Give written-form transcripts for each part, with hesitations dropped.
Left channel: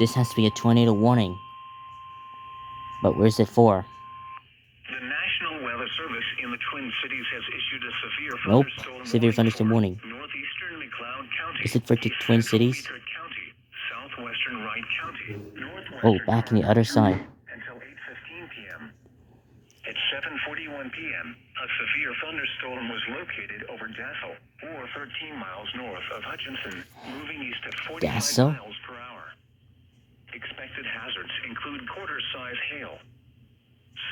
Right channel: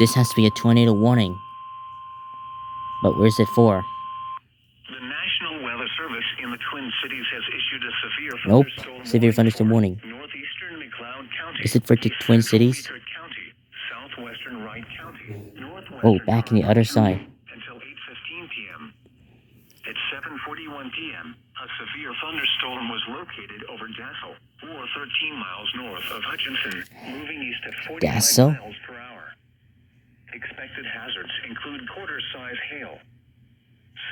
This has to be a tornado warning. But where's it for? The National Weather Service in the Twin Cities has issued a severe Nope. thunderstorm Severe thunderstorm warning. northeastern McLeod County. Is it for the Twin Cities? Meeker County, southwestern Wright County, northwestern Oh, back in the other Carver side. until 8:15 p.m. At 7:41 p.m., a severe thunderstorm was located over Dassel, or 13 miles north of Hutchinson, moving east at 45 Dassel? miles per hour. Expected hazards include quarter-size hail.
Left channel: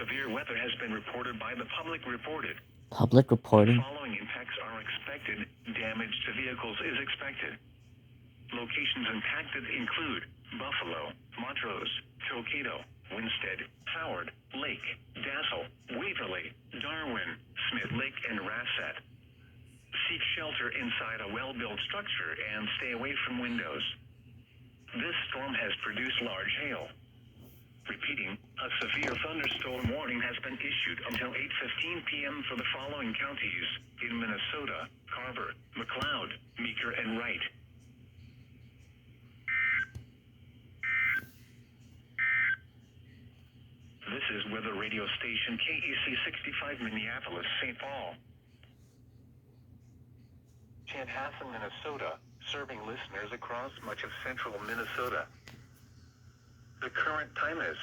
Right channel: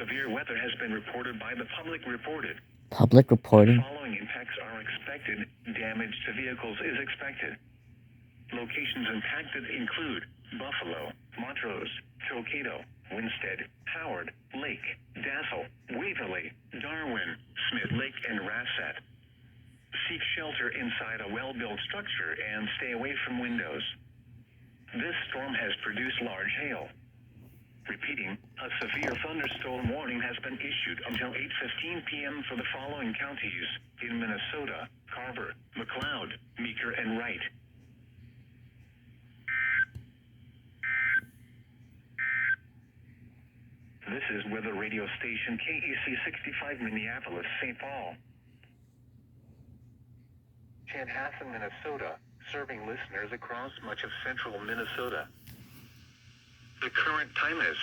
Severe weather has been reported by the public reported. Public reporting? Following impacts are expected. Damage to vehicles is expected. Locations impacted include Buffalo, Montrose, Tokado, Winstead, Howard, Lake, Dassel, Waverly, Darwin, Smith Lake, and Rassat. Seek shelter inside a well-built structure and stay away from windows. This storm has produced large hail. Repeating, a severe thunderstorm warning has been issued until 8:15 p.m. for the following counties in Minnesota: Carver, McLeod, Meeker, and Wright. This is weather radio station KEC 65 Minneapolis, St. Paul. Chanhassen, Minnesota, serving listeners across much of central Minnesota. The current time is